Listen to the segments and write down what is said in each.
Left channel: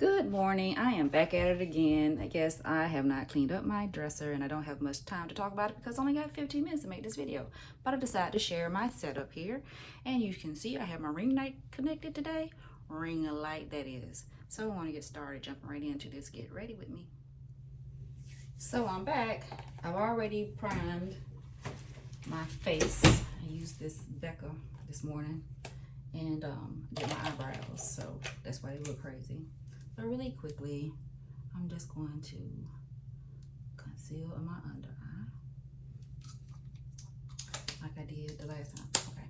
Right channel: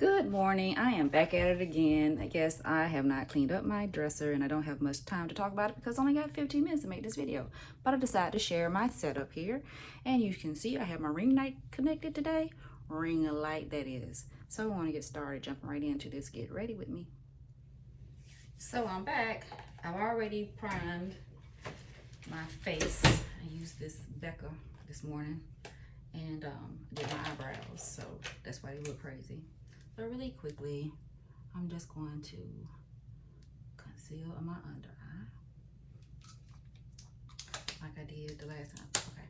Good morning. I am back at it again. I guess I have not cleaned up my dresser and I don't have much time to talk about it because I only got 15 minutes to make this video. But I decided to share my setup here. And you can see I have my ring light connected today. Ring light, that is. So I want to get started jumping right into this. Get ready with me. So I'm back. I've already primed my face. I used this BECCA this morning and did my eyebrows. So that's why they look crazy. But really quickly, I'm just going to conceal my under eye like I did the last time. Okay.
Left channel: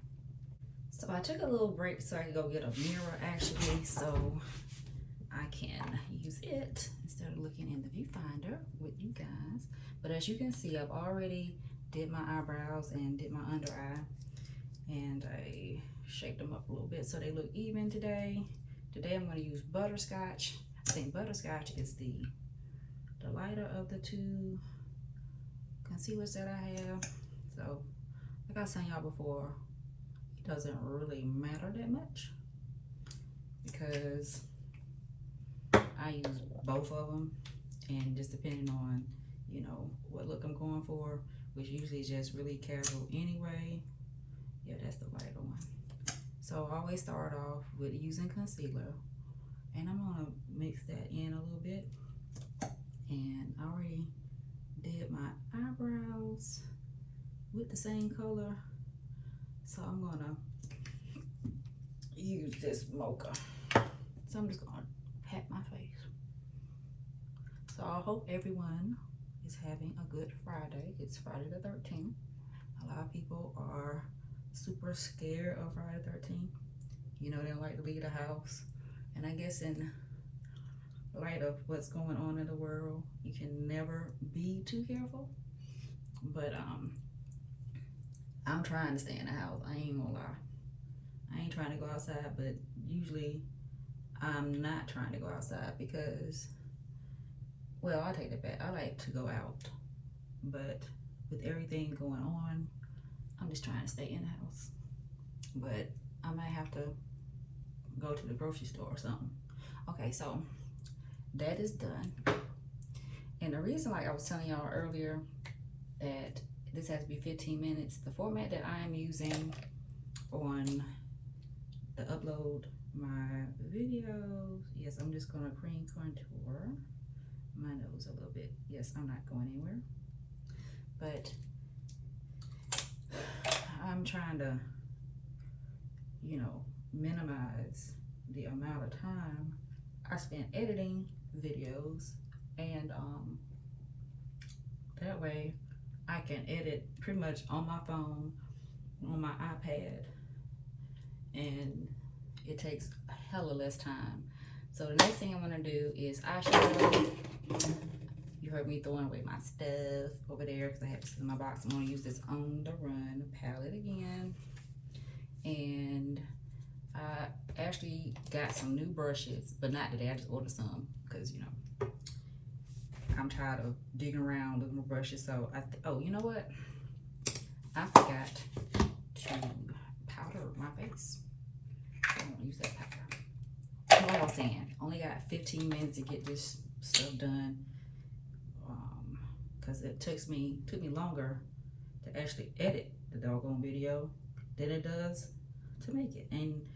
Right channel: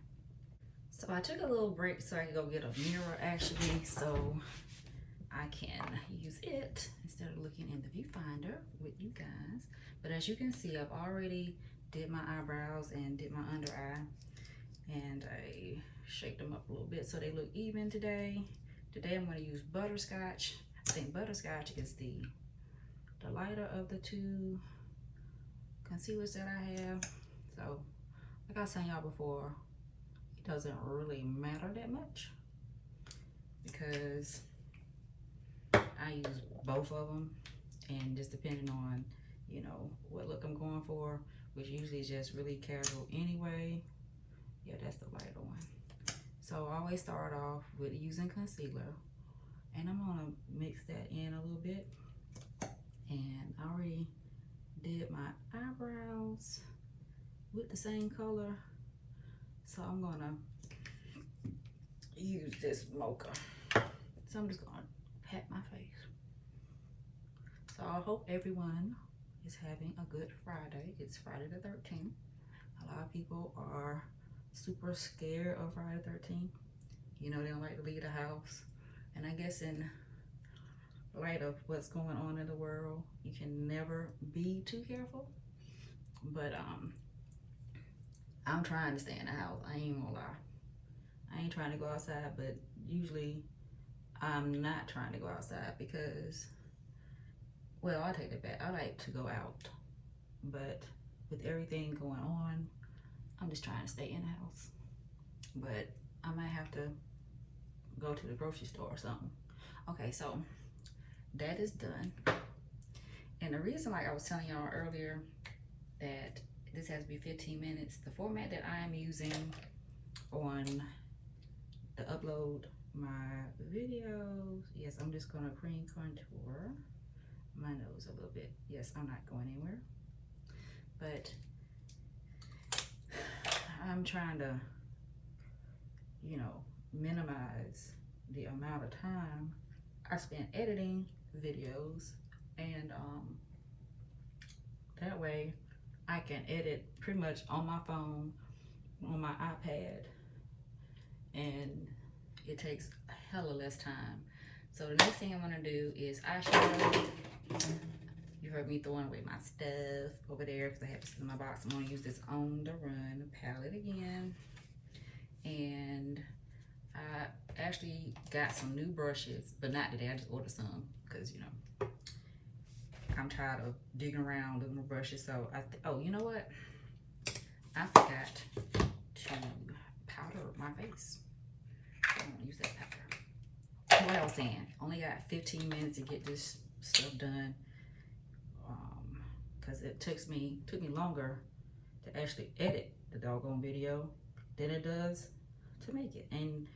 So I took a little break so I could go get a mirror actually, so I can use it instead of looking in the viewfinder with you guys. But as you can see, I've already did my eyebrows and did my under eye, and I shaped them up a little bit so they look even today. Today I'm going to use Butterscotch. I think Butterscotch is the lighter of the two concealers that I have. So like I was saying y'all before, it doesn't really matter that much because I use both of them, and just depending on, you know, what look I'm going for, which usually is just really casual anyway. Yeah, that's the lighter one. So I always start off with using concealer, and I'm gonna mix that in a little bit. And I already did my eyebrows with the same color, so I'm gonna use this mocha. So I'm just gonna pat my face. So I hope everyone is having a good Friday. It's Friday the 13th. A lot of people are super scared of Friday the 13th. You know, they don't like to leave the house. And I guess in light of what's going on in the world, you can never be too careful. But I'm trying to stay in the house. I ain't gonna lie. I ain't trying to go outside, but usually I'm not trying to go outside because, well, I'll take that back. I like to go out. But with everything going on, I'm just trying to stay in the house. But I might have to go to the grocery store or something. Okay, so that is done. And the reason, like I was telling y'all earlier, that this has to be 15 minutes, the format that I'm using on to upload my videos, yes, I'm just gonna cream contour my nose a little bit. Yes, I'm not going anywhere. But I'm trying to, you know, minimize the amount of time I spend editing videos, and that way I can edit pretty much on my phone, on my iPad, and it takes a hella less time. So the next thing I'm gonna do is eyeshadow. You heard me throwing away my stuff over there because I have this in my box. I'm gonna use this On the Run palette again. And I actually got some new brushes, but not today. I just ordered some because, you know, I'm tired of digging around looking for brushes. So oh, you know what? I forgot to powder my face. I don't use that powder. What I was saying, only got 15 minutes to get this stuff done. Because it took me longer to actually edit the doggone video than it does to make it. And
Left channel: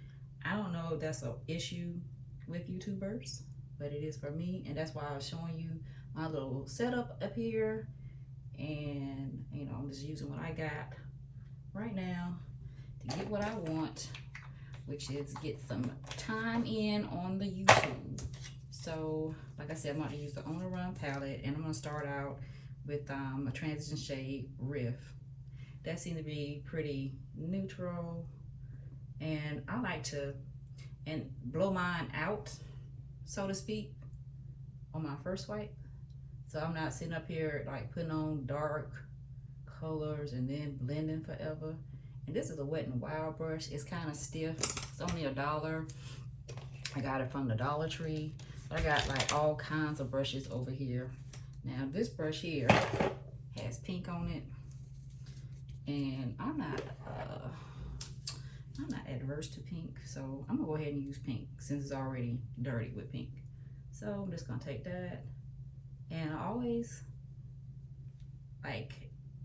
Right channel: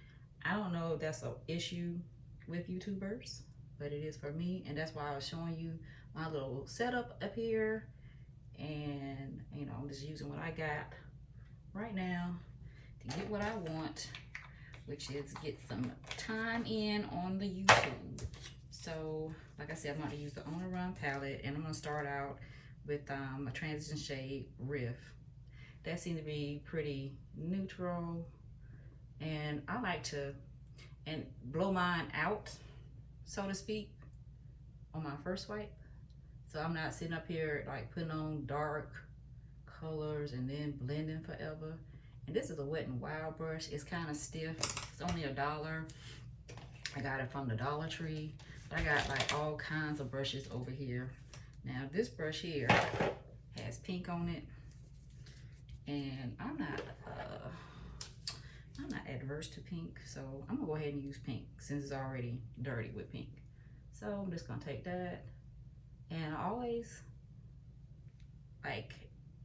I don't know if that's an issue with YouTubers, but it is for me. And that's why I was showing you my little setup up here. And, you know, I'm just using what I got right now to get what I want, which is get some time in on the YouTube. So, like I said, I'm going to use the On the Run palette, and I'm going to start out with a transition shade Riff. That seems to be pretty neutral, and I like to blow mine out, so to speak, on my first swipe. So I'm not sitting up here like putting on dark colors and then blending forever. And this is a Wet n Wild brush. It's kind of stiff. It's only $1. I got it from the Dollar Tree. But I got like all kinds of brushes over here. Now this brush here has pink on it, and I'm not adverse to pink, so I'm gonna go ahead and use pink since it's already dirty with pink. So I'm just gonna take that, and I always, like,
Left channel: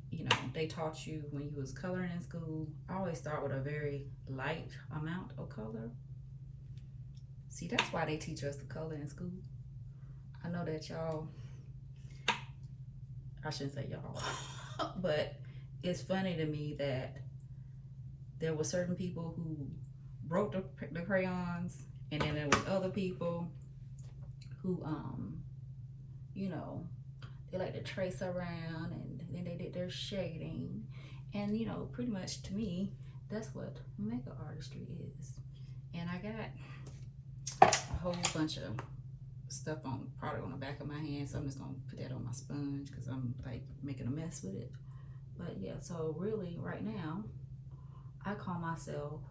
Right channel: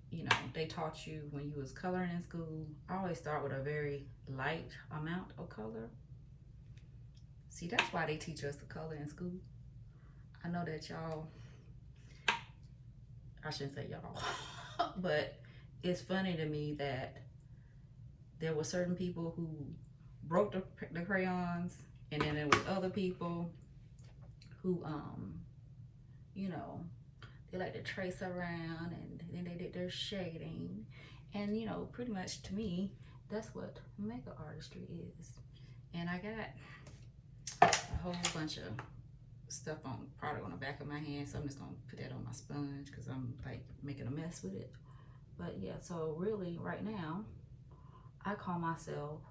you know, they taught you when you was coloring in school, I always start with a very light amount of color. See, that's why they teach us to color in school. I know that y'all, I shouldn't say y'all, but it's funny to me that there were certain people who broke the crayons, and then there was other people who, you know, they like to trace around, and then they did their shading. And, you know, pretty much to me, that's what makeup artistry is. And I got a whole bunch of stuff on product on the back of my hand, so I'm just gonna put that on my sponge because I'm like making a mess with it. But yeah, so really right now I call myself,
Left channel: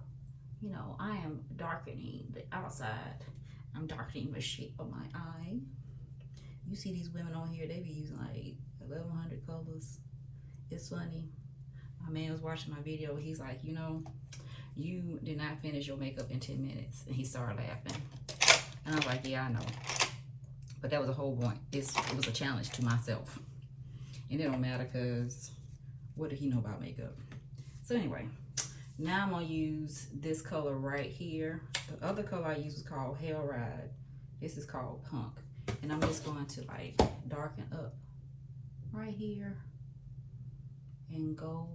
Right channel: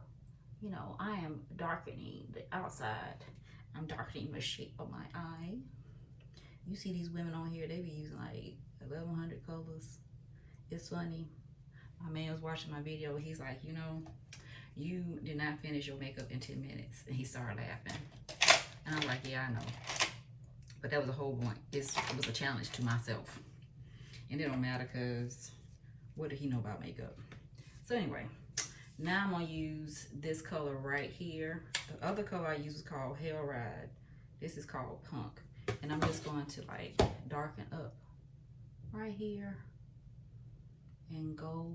you know, I am darkening the outside. I'm darkening the shape of my eye. You see these women on here, they be using like 1,100 colors. It's funny, my man was watching my video, he's like, you know, you did not finish your makeup in 10 minutes. And he started laughing. And I was like, yeah, I know. But that was the whole point. It was a challenge to myself. And it don't matter because what did he know about makeup? So anyway, now I'm gonna use this color right here. The other color I use is called Hell Ride. This is called Punk. And I'm just going to like darken up right here and go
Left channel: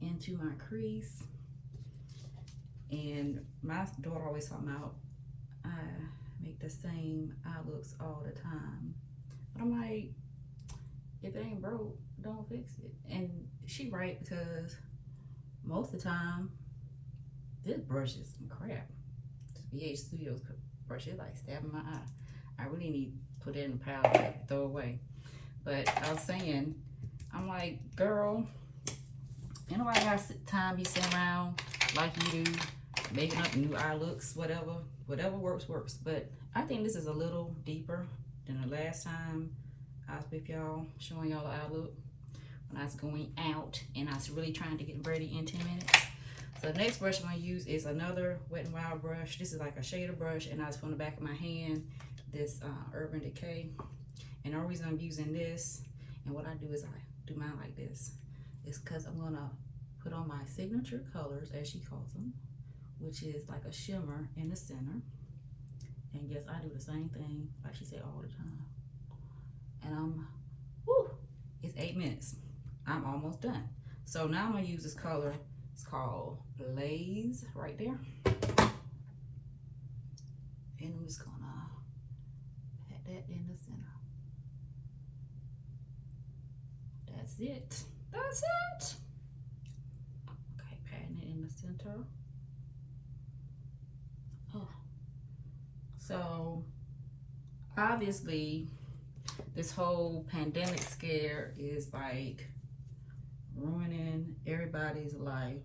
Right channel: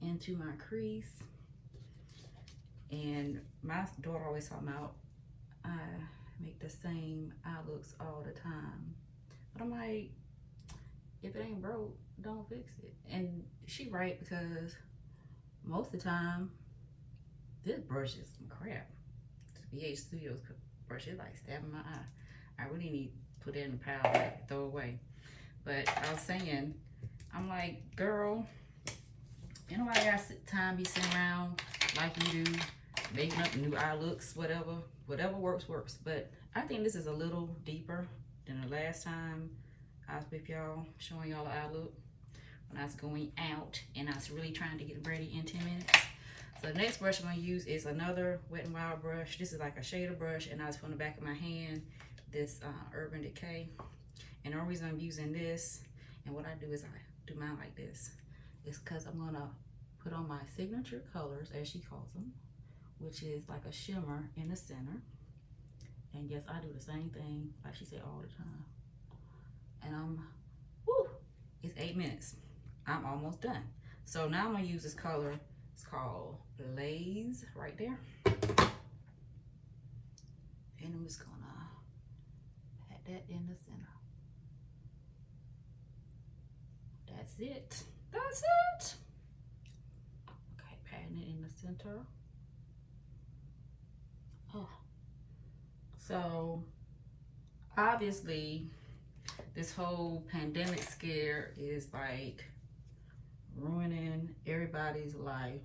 into my crease. And my daughter always talking about I make the same eye looks all the time. But I'm like, if it ain't broke, don't fix it. And she right, because most of the time, this brush is some crap. This BH Studios brush is like stabbing my eye. I really need to put it in the pile and throw it away. But I was saying, I'm like, girl, ain't nobody got time be sitting around like you do, making up new eye looks, whatever works. But I think this is a little deeper than the last time I was with y'all, showing y'all the eye look when I was going out and I was really trying to get ready in 10 minutes. So the next brush I'm gonna use is another Wet n Wild brush. This is like a shader brush, and I just put on the back of my hand this Urban Decay. And the only reason I'm using this, and what I do is I do mine like this, is because I'm gonna put on my signature colors, as she calls them, which is like a shimmer in the center. And yes, I do the same thing, like she said, all the time. And it's 8 minutes. I'm almost done. So now I'm gonna use this color. It's called Blaze right there. And I'm just gonna pat that in the center. That's it. That's it. Okay, patting it in the center. Oh. So obviously this whole pandemic scare is like ruining everybody's life,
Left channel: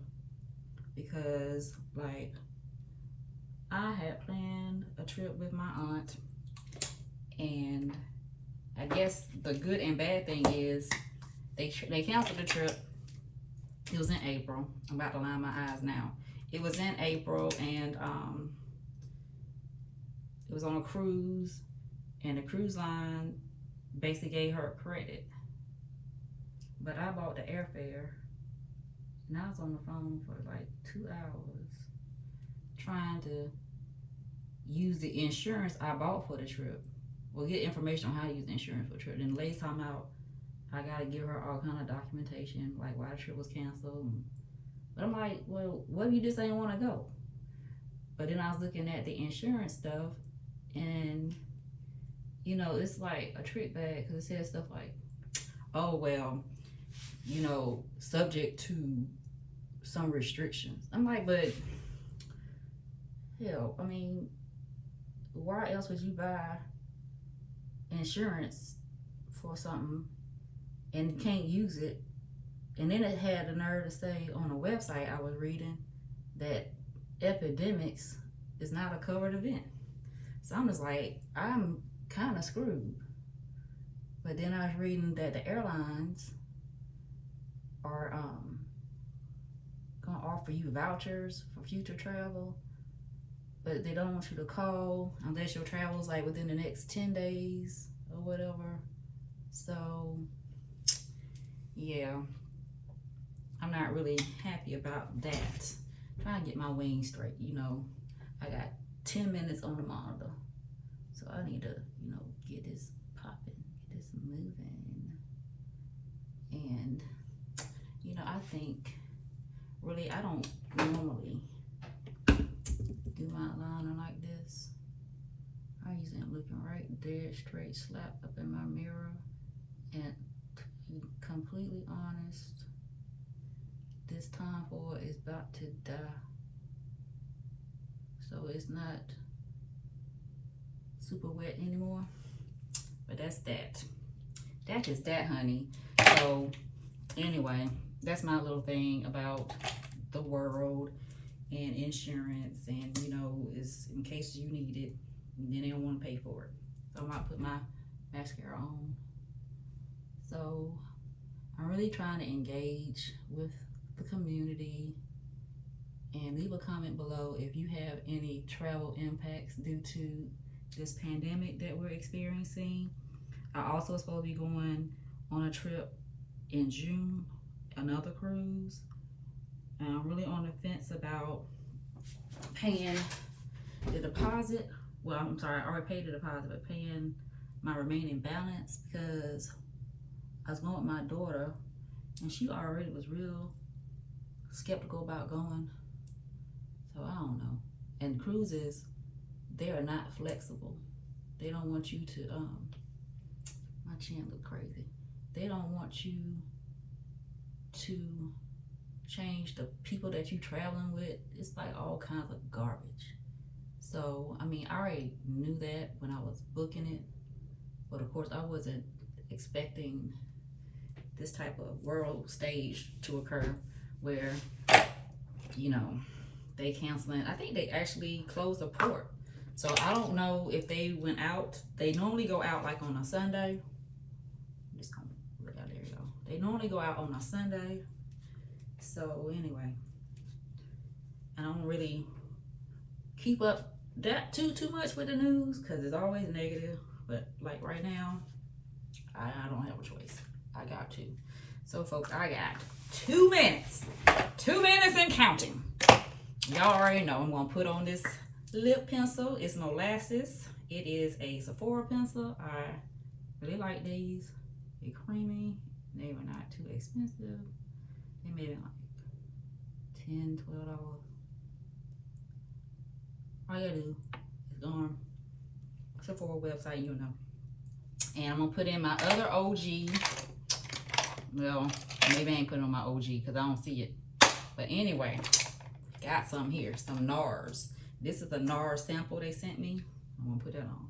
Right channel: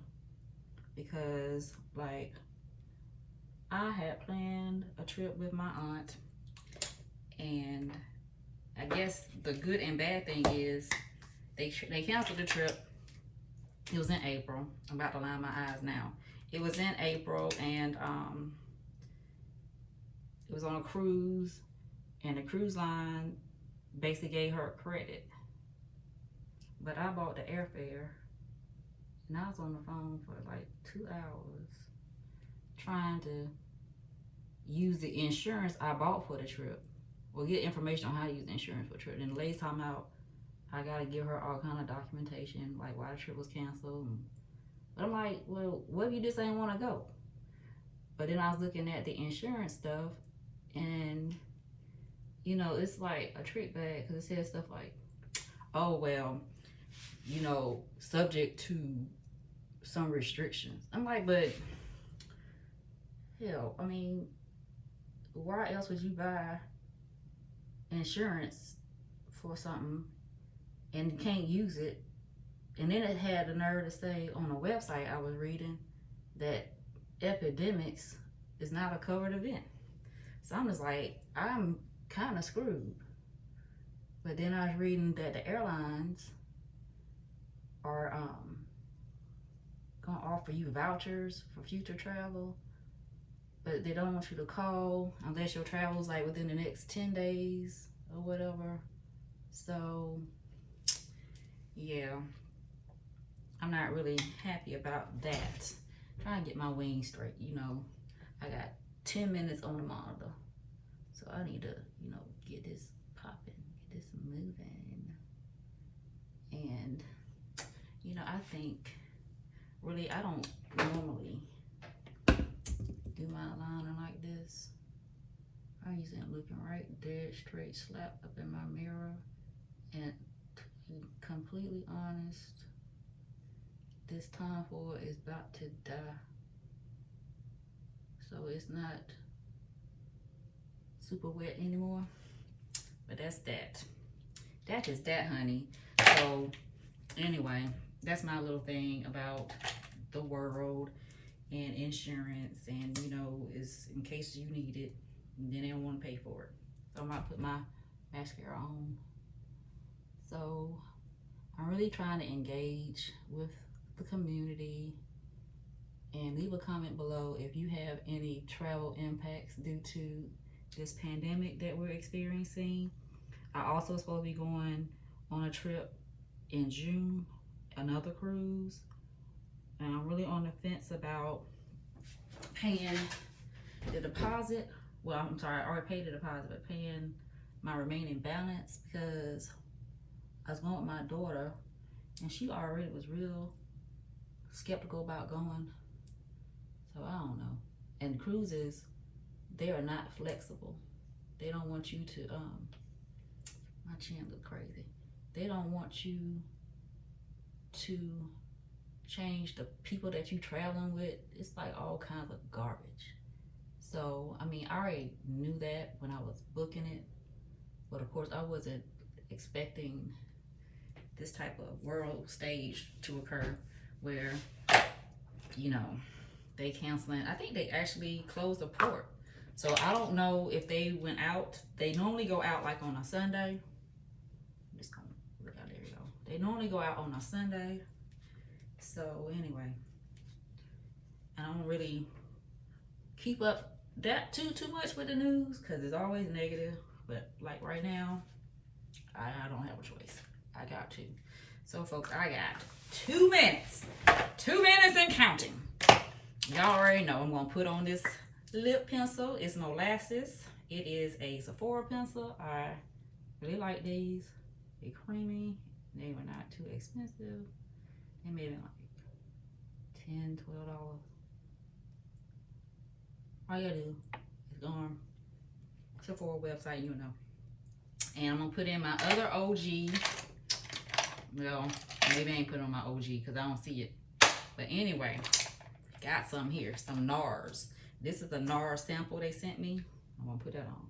because like I had planned a trip with my aunt, and I guess the good and bad thing is they canceled the trip. It was in April. I'm about to line my eyes now. It was in April, and it was on a cruise, and the cruise line basically gave her credit. But I bought the airfare, and I was on the phone for like 2 hours trying to use the insurance I bought for the trip. Well, get information on how to use the insurance for the trip. Then the last time out, I gotta give her all kind of documentation, like why the trip was canceled. But I'm like, well, what if you just ain't want to go? But then I was looking at the insurance stuff, and you know, it's like a trick bag, because it says stuff like, oh, well, you know, subject to some restrictions. I'm like, but hell, I mean, why else would you buy insurance for something and can't use it? And then it had the nerve to say on a website I was reading that epidemics is not a covered event. So I'm just like, I'm kind of screwed. But then I was reading that the airlines are gonna offer you vouchers for future travel. but they don't want you to call unless your travel's like within the next 10 days or whatever. So yeah, I'm not really happy about that. Trying to get my wings straight, you know. I got 10 minutes on the monitor, so I need to, you know, get this popping, get this moving. And you know, I think really I don't normally do my liner like this. I usually am looking right dead straight slap up in my mirror, and to be completely honest, this Tom Ford is about to die. So it's not super wet anymore. But that's that. That is that, honey. So anyway, that's my little thing about the world and insurance, and you know, is in case you need it, and then they don't want to pay for it. So I might put my mascara on. So I'm really trying to engage with the community, and leave a comment below if you have any travel impacts due to this pandemic that we're experiencing. I also supposed to be going on a trip in June, another cruise, and I'm really on the fence about paying the deposit. Well, I'm sorry, I already paid the deposit, but paying my remaining balance, because I was going with my daughter and she already was real skeptical about going. So I don't know. And cruises, they are not flexible. They don't want you to, my chin look crazy. They don't want you to change the people that you traveling with. It's like all kinds of garbage. So, I mean, I already knew that when I was booking it, but of course I wasn't expecting this type of world stage to occur where, you know, they canceling. I think they actually closed the port. So I don't know if they went out. They normally go out like on a Sunday. I'm just gonna look out, there you go. They normally go out on a Sunday. So anyway, I don't really keep up that too much with the news because it's always negative. But like right now, I don't have a choice. I got to. So folks, I got 2 minutes. 2 minutes and counting. Y'all already know I'm gonna put on this lip pencil. It's molasses. It is a Sephora pencil. I really like these. They're creamy. They were not too expensive. They made it like $10, $12. All you gotta do is go on Sephora website, you know. And I'm gonna put in my other OG. Well, maybe I ain't putting on my OG because I don't see it. But anyway, got some here, some NARS. This is a NARS sample they sent me. I'm gonna put that on.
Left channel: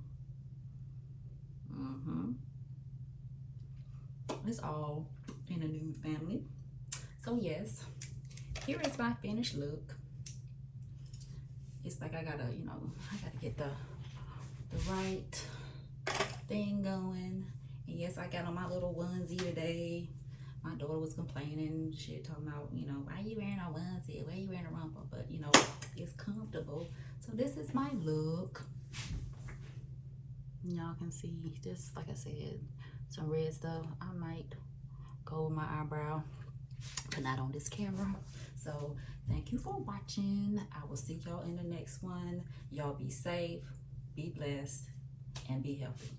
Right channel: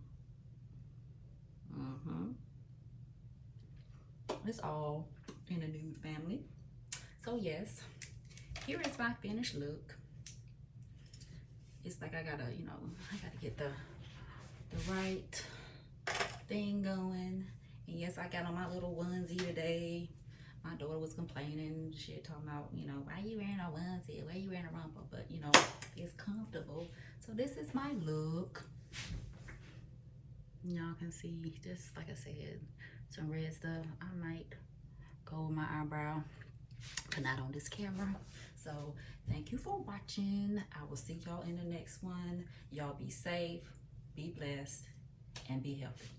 It's all in a nude family. So yes, here is my finished look. It's like I gotta, you know, I gotta get the right thing going. And yes, I got on my little onesie today. My daughter was complaining, shit, talking about, you know, why you wearing a onesie? Why you wearing a romper? But, you know, it's comfortable. So this is my look. Y'all can see, just like I said, some red stuff. I might go with my eyebrow, but not on this camera. So thank you for watching. I will see y'all in the next one. Y'all be safe, be blessed, and be healthy.